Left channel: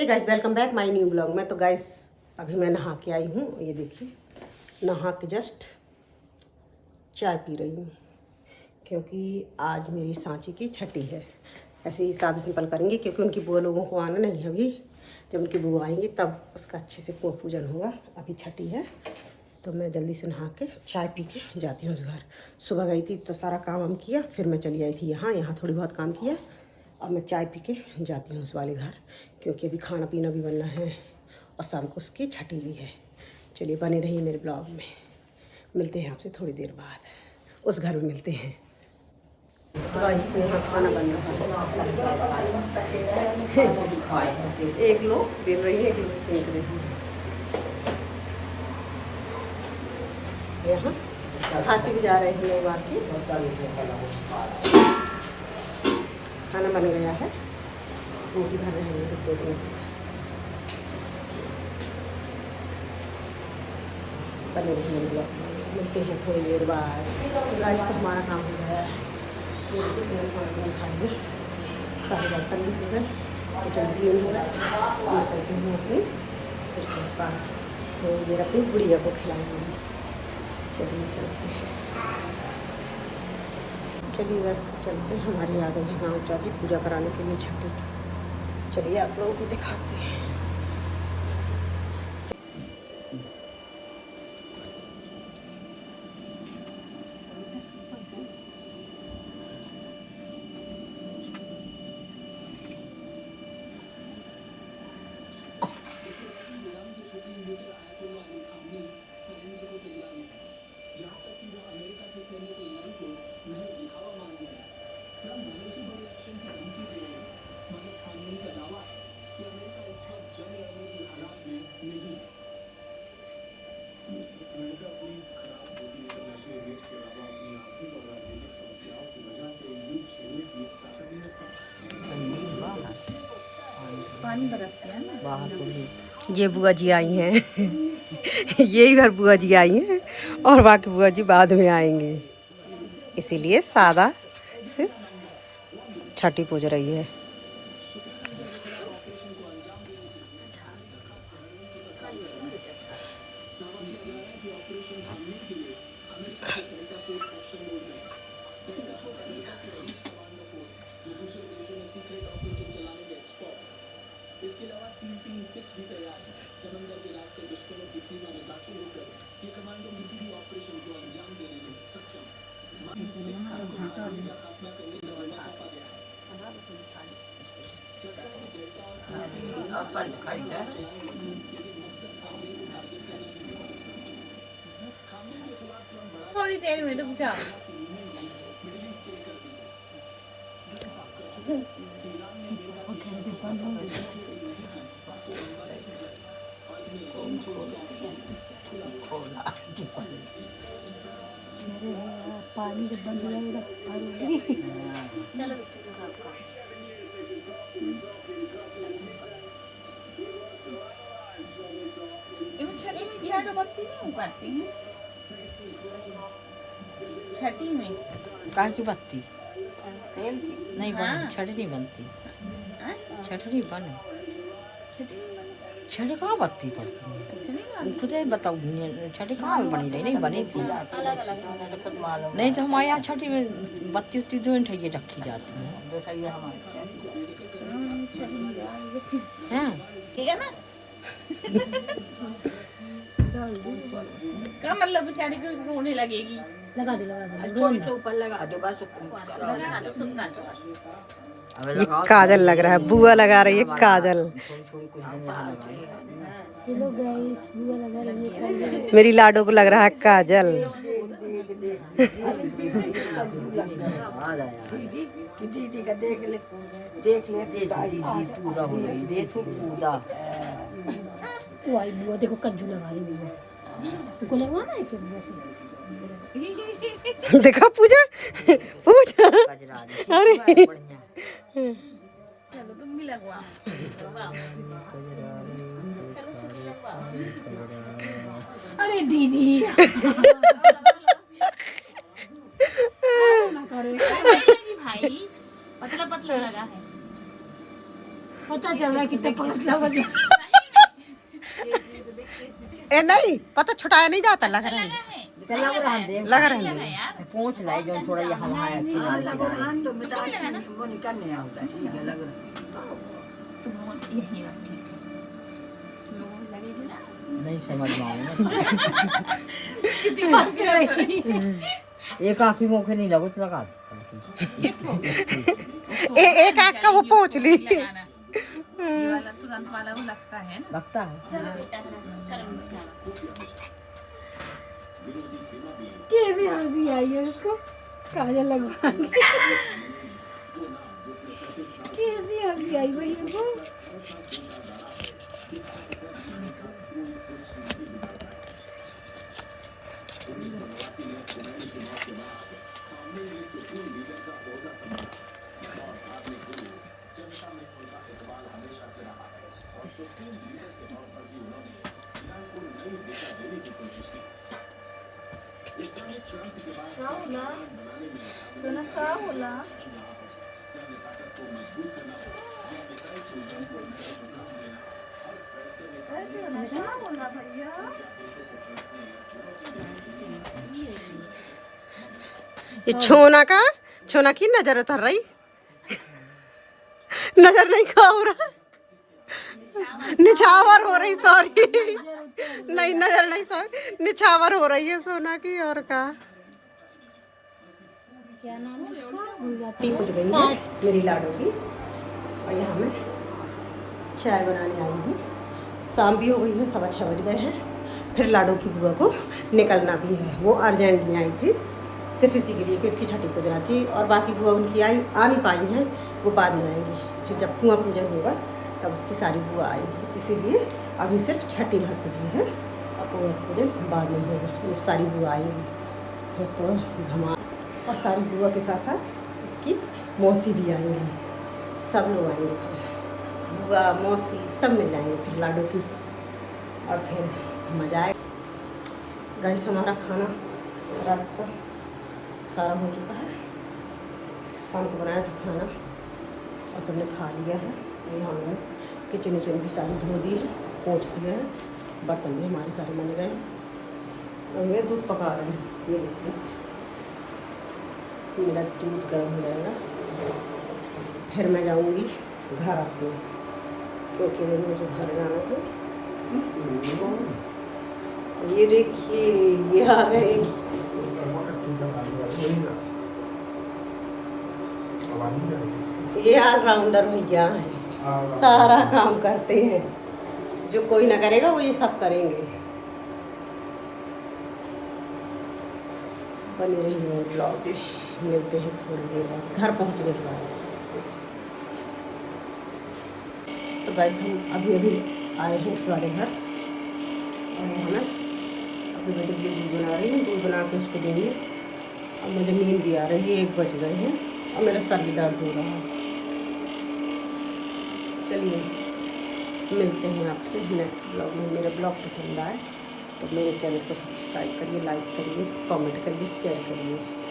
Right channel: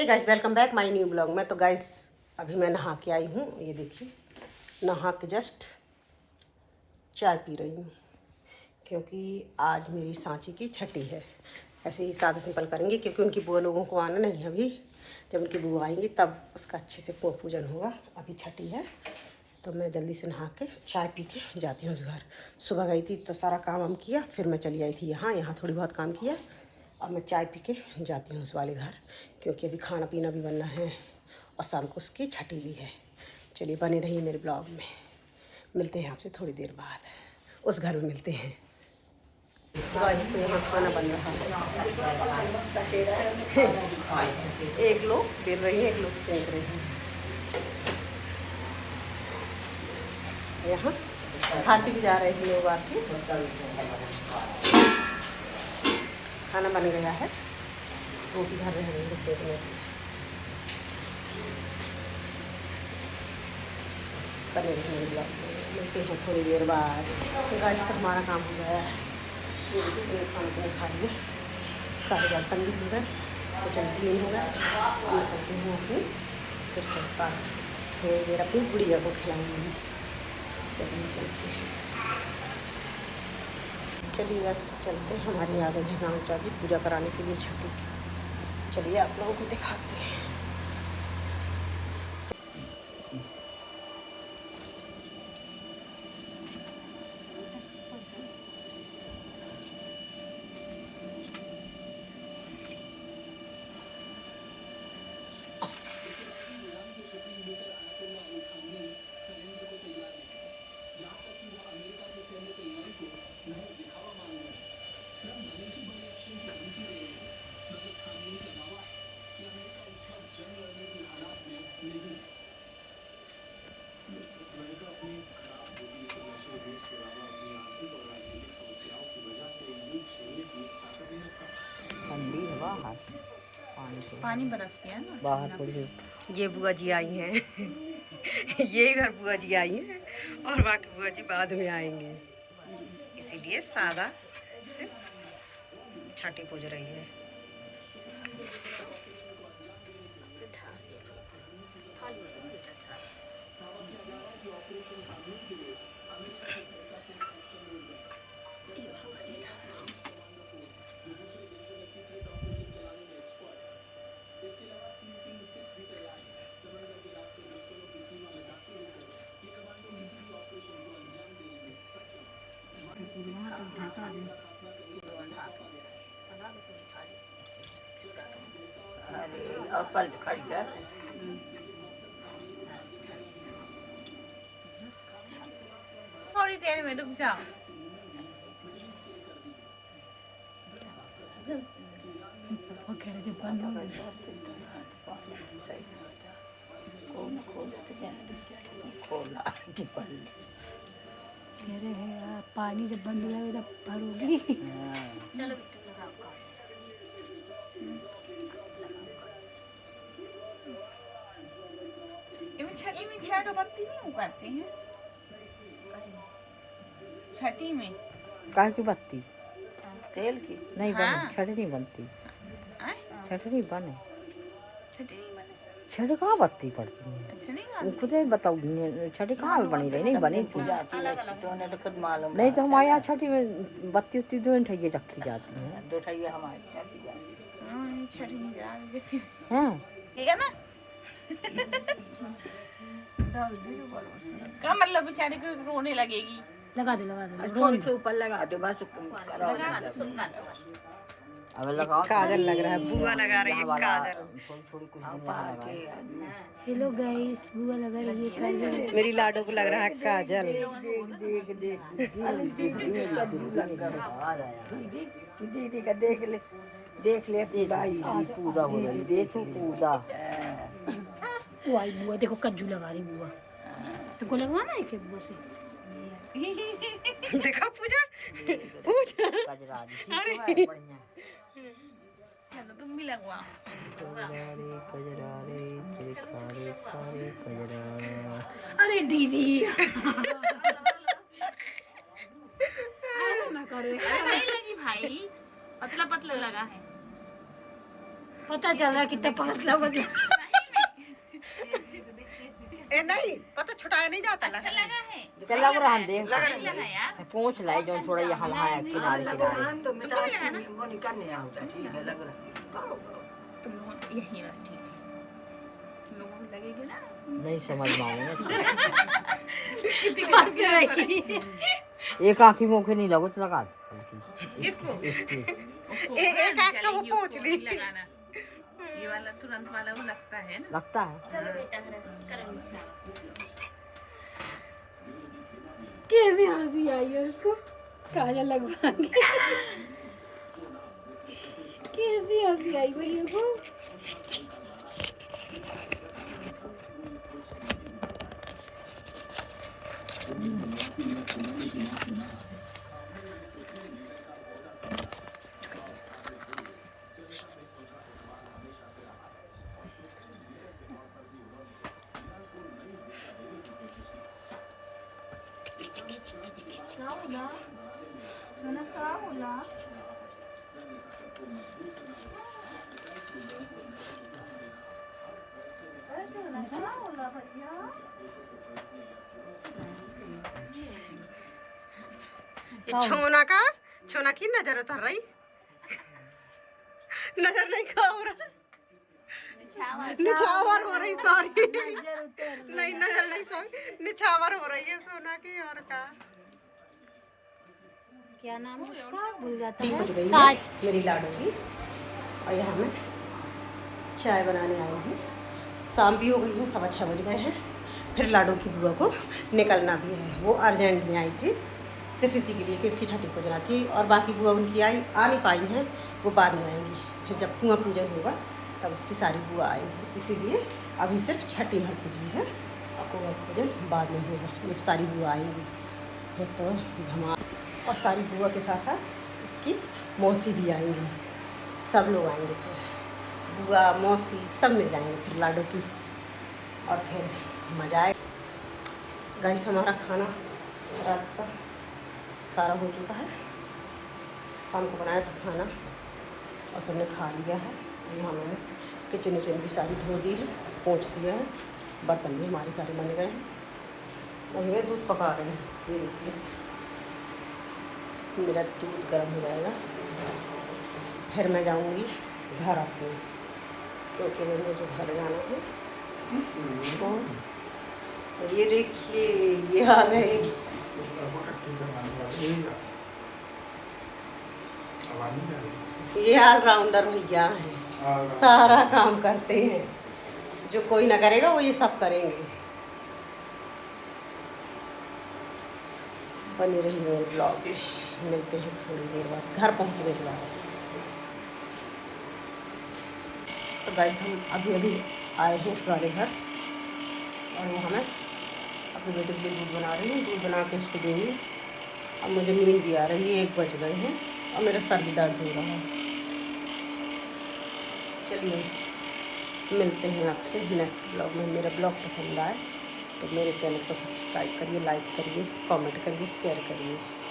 Hey guys, welcome back my new blog में। तो guys अभी मैं नहा के आई हूँ, ये देखिए नहा के जस्ट चाय पी रही हूँ क्योंकि आज मेरी सांची की छठी है। ऐसे ही सादा सिंपल करेंगे क्योंकि उनकी बुआ लोगों को आना नहीं है अभी। जब उनकी बुआ आएंगी तब उसका अच्छे से पूजन होगा। अभी छठी है तो मैं जल्दी से नहा के चाय पी के जाती हूँ उस घर। सुबह गई थी तो सारा काम वाम किया, फिर मैं चली आई थी यहाँ थोड़ी बहुत काम किया। अब मैं चाय पी के जाती हूँ उस वाले घर क्योंकि अभी खाना पीना भी बनना है और शाम को उसकी छठी भी है। चलिए बने रहिए मेरे ब्लॉग में, मिलते हैं आपसे थोड़ी देर बाद, उस घर में मिलते हैं। तो आज तो यहाँ खाना बन रहा है। एक लोग बेल रही है, एक लोग सेंक रही है। यहाँ खाती भी जा रहे हैं लोग आके। खाना बन गया है, रोटी भर रहे हैं देखने के। बने रहिए ब्लॉग में, मिलते हैं थोड़ी देर बाद। आज तो हमारा काम हो गया है, खाना पीना खा लिया, सारे बर्तन भी हो गए, किचन क्लीन हो गया। मैं चलती हूँ अपनी सिस्टर के पास, थोड़ी देर अपनी गुड़िया को खिलाऊंगी। चलिए चलते हैं, चलिए वैसे चलते हैं। हमारे आ गए हैं गाँव चाची पूजा कराने के लिए छठी की। चलिए आप लोगों को दिखाते हैं। पानी बरसती है ना बाहर। ये बुआ जी आई हैं। यही घर बुआ जी आई हैं और बाकी बुआ जी बाद में आएंगे, इसीलिए सादा से छठी पूज रही है। थोड़ी देर में रुक जाओ। पानी जब बंद हो जाएगा तो भरोगी। चलो छठी में छह बत्ती नहीं उगाती हैं छठी में। काहे की बत्ती तेल की नहीं बने, छठी नहीं बनती, छठी नहीं बने, छठी कहाँ बत्ती पड़ती है? खुद ही बताओ, छठी कहाँ बनी रही? नहीं बनी थी। नहीं तो हमारे यहाँ छठी में बत्ती उत्ती दो ठैये रखी जाती है। हाँ ठीक है ना। क्या मतलब बेचारी को रोने लगेगी? लगा दो के ऊपर लगा दो बस। ये काजल लग रहा है, बुआ लगा रही है काजल। हेलो गाइस, बुआ लगा रही है काजल। मेरी लाडो को लग रहा है काजल। दीदी का देख ले पूरा हो रही, देखो पूरा। बुआ देखो कज्जू लगा रही बुआ। तुमको लगवाना है क्या बुआ से? देखा पूजा पूजा। अरे चलो तुम भी लगवाओ। अरे दीदी भाई पतला पतला लगा है। पता चल रहा है कितना पतला बदला। ए नहीं पता छुटाया नहीं जाता, लग रहा है चल लग रहा है देख लग रहा है पूछ लाए जो थोड़ा यहाँ वहाँ किनारे किनारे तो मिटा वो निकलने आता ठीक है लग रहा तुम लोग यहीं रखी, तुम लोगों को लगेगी ना। नहीं समझ में आएगा दिमाग में रही। एक आँखी मुँह नहीं लगो तो लगा एक आँख का वो पहुँच ली। लगाना ये वाला तुरंत वाला वो लगता है ना। लगता है कैसे हंसी आई है उसको काजल लगवा के। कैसी हंसी आई भैया को। ये छोना की नजर उतर रही, नजर नहीं खा हो रहा, निछावर हो रही, सॉरी नहीं नजर नहीं, सॉरी निछावर हो रही है सोना की। और का क्या नाम है उसका भूल जाती टी कुछ गई है मेरी लाडो की, और यहाँ मैं चाय बनाने आई हूँ। शाम भी हो गई है, 6:15 बज गए हैं। फिर लाडो की बुआ को निकलना भी है, वो अर्जेंट में आई थी सिर्फ इसी के लिए कि उसकी छठी पूजना थी, और बाकी बुआ उनकी आ नहीं पाई हैं, वो बाद में आएंगी। फिर जब कुआं पूजन होगा तब उसकी सारी बुआ आएंगी, इसीलिए अभी सिर्फ छठी भर पूजी है और कुआं पूजन बाद में होगा जब सारी बुआ आएंगी। फिर तो घमा, और सारी बुआ के साथ साथ उसकी मौसी भी आएंगी, सब लोग आएंगे। फिर बुआ मौसी सब मिल जाएंगे फिर लाडो की, और फिर मज़ा आए। गाइस हमारा खाना रात का सारा हो चुका है, शाम को बनाया था खाना और सबने खा लिया है। यहाँ मैंने किचन विचन भी सारी धो दी है, पोंछ दिया है, बर्तन भी हमारे सारे बन गए हैं। और मैं दूध पका रही हूँ, ये देखिए मेरा दूध गर्म हो जाएगा, फिर मैं जाऊँगी घर अपने, क्योंकि मुझे घर जाना है। ये देखिए ये आ गए, ये ऑलराउंडर भैया हैं, सारा काम करते हैं, जो कोई ना करेगा वो ये सब करेंगे। बनी रही मेरे ब्लॉग में, मिलते हैं थोड़ी देर बाद घर पहुंचने के बाद। तो गाइस हम अभी आए हैं इस वाले घर, और वहाँ मैं अपने बेटे के लिए दूध बना रही हूँ, दूध बना के उसको देंगे। अब मुझे नींद भी आ रही है, 1 बज गए हैं और मेरा सर भी दर्द हो रहा है। चलिए मिलते हैं आपसे नेक्स्ट ब्लॉग में। मेरा ब्लॉग पसंद आए तो मेरे चैनल को सब्सक्राइब करिए, लाइक करिए, कमेंट करिए, शेयर करिए।